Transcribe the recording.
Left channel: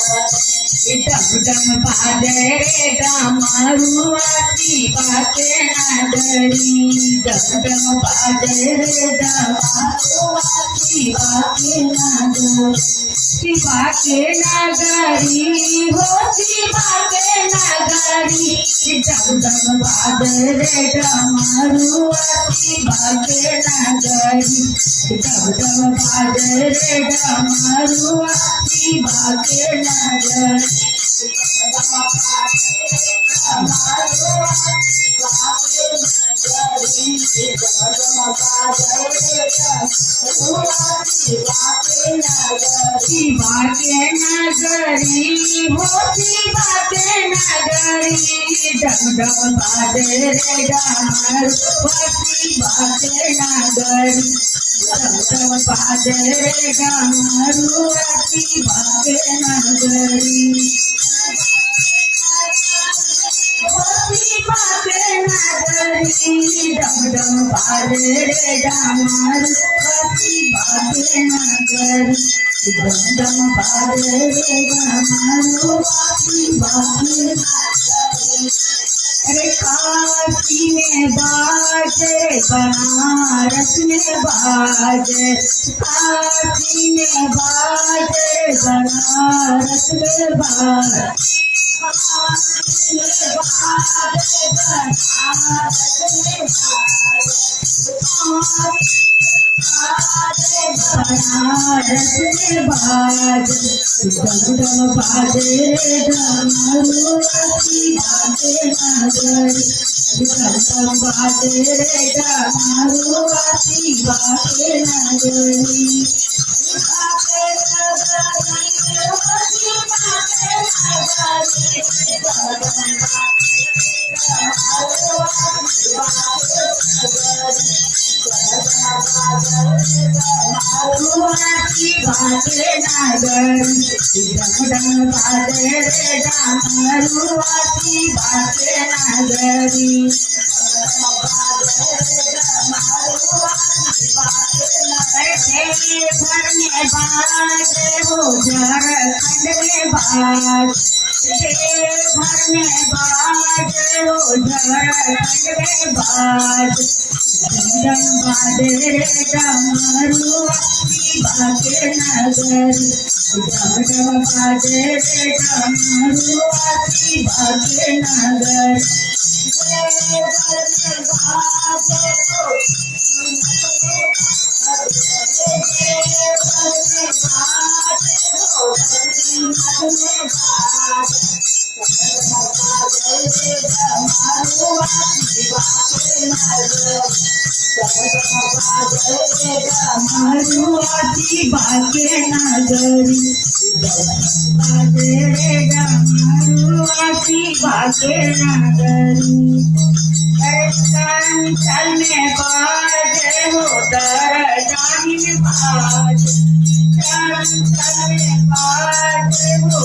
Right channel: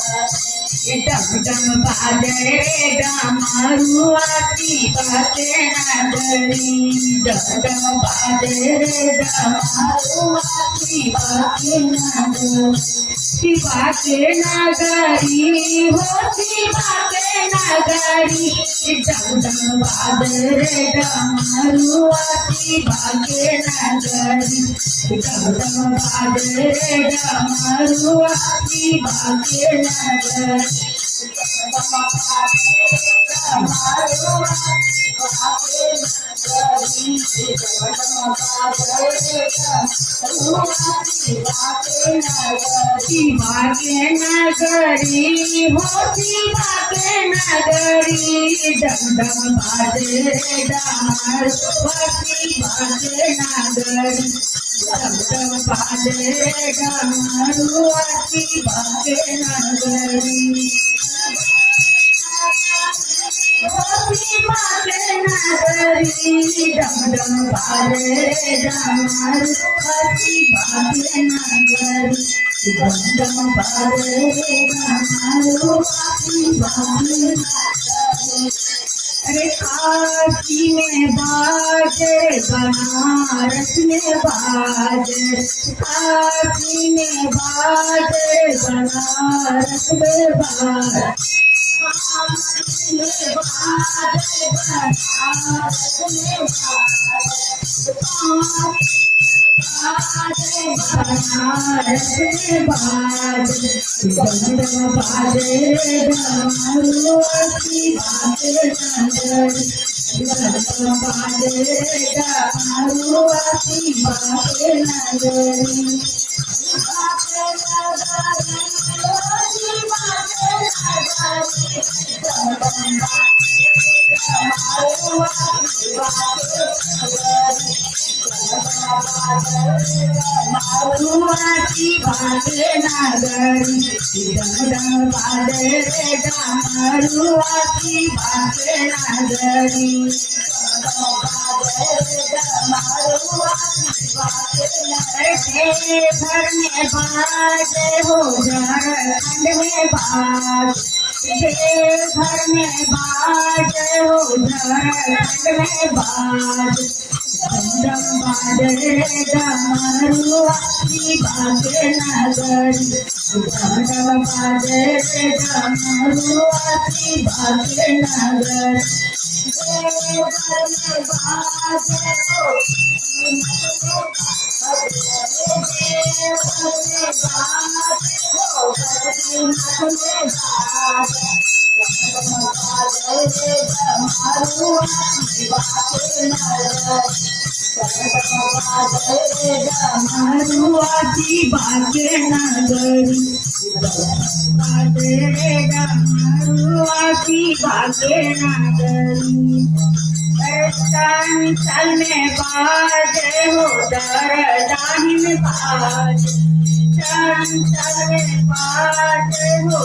डम डम बाजे रे डमरुआती बाके नगरी डम डम बाजे रे डमरुआती बाके नगरी शिवा के नगरी हो शिवा के नगरी डम डम बाजे रे डमरुआती बाके नगरी डम डम बाजे रे डमरुआती बाके नगरी शिवा के नगरी हो शिवा के नगरी डम डम बाजे रे डमरुआती बाके नगरी डम डम बाजे रे डमरुआती बाके नगरी शिवा के नगरी डम डम बाजे रे डमरुआती बाके नगरी डम डम बाजे रे डमरुआती बाके नगरी अरे काशी में बाजे बनारस में बाजे काशी में बाजे बनारस में बाजे बनारस में बाजे डम डम बाजे रे डमरुआती बाके नगरी डम डम बाजे रे डमरुआती बाके नगरी डमरुआती बाके नगरी डम डम बाजे रे डमरुआती बाके नगरी घर में बाजे हो झारखंड में बाज घर में बाजे हो झारखंड में बाज डम डम बाजे रे डमरुआती बाके नगरी डम डम बाजे रे डमरुआती बाके नगरी डमरुआती बाके नगरी बाजे रे डमरुआती बाके नगरी चंचल में बाजे हो दरदाही में बाजे चंचल में बाजे हो